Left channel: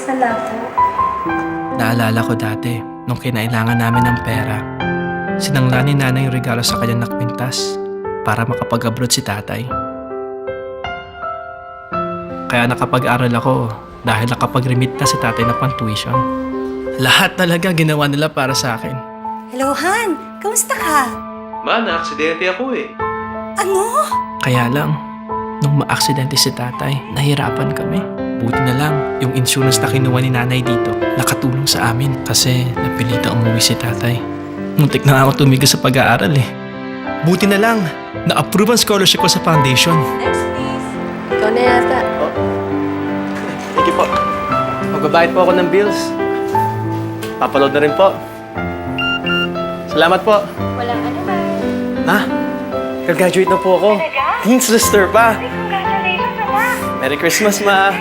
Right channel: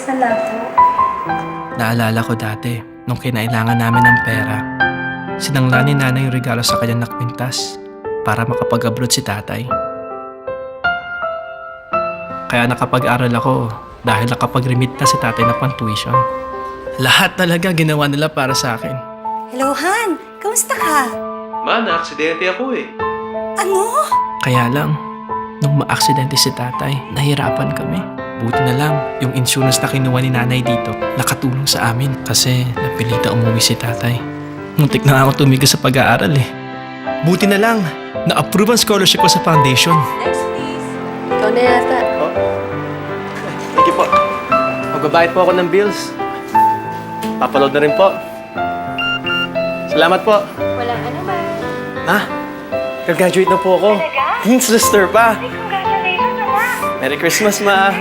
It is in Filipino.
Salamat. Naalala ko dati, nung kinailangan namin ng pera, sinangla ni nanay yung regalo sa kanya na kwintas para makapag-abroad si tatay. Kaya nakapag-aral ako dahil nakapag-remit na si tatay na pang-tuition. Lahat talaga ginawa nila para sa akin. Hello, Han. Kamusta ka? Ma, na-aksidente ako eh. Ano? Kaya lang, nung ma-aksidente si tatay, nahirapan kami. Buti na lang, yung insurance na kinuha ni nanay dito, nakatulong sa amin kasi napilita umuwi si tatay. Muntik na ako tumigil sa pag-aaral eh. Buti na lang, na-approve ang scholarship ko sa foundation. Next, please. Ikaw na yata. Oh. Thank you po. Magbabayad po ako ng bills. Papaload na rin po. Salamat po. Walang ano ba? Ma, graduate na po ako. Talaga? Dean's Lister pa. Congratulations, anak. Merry Christmas, Ma.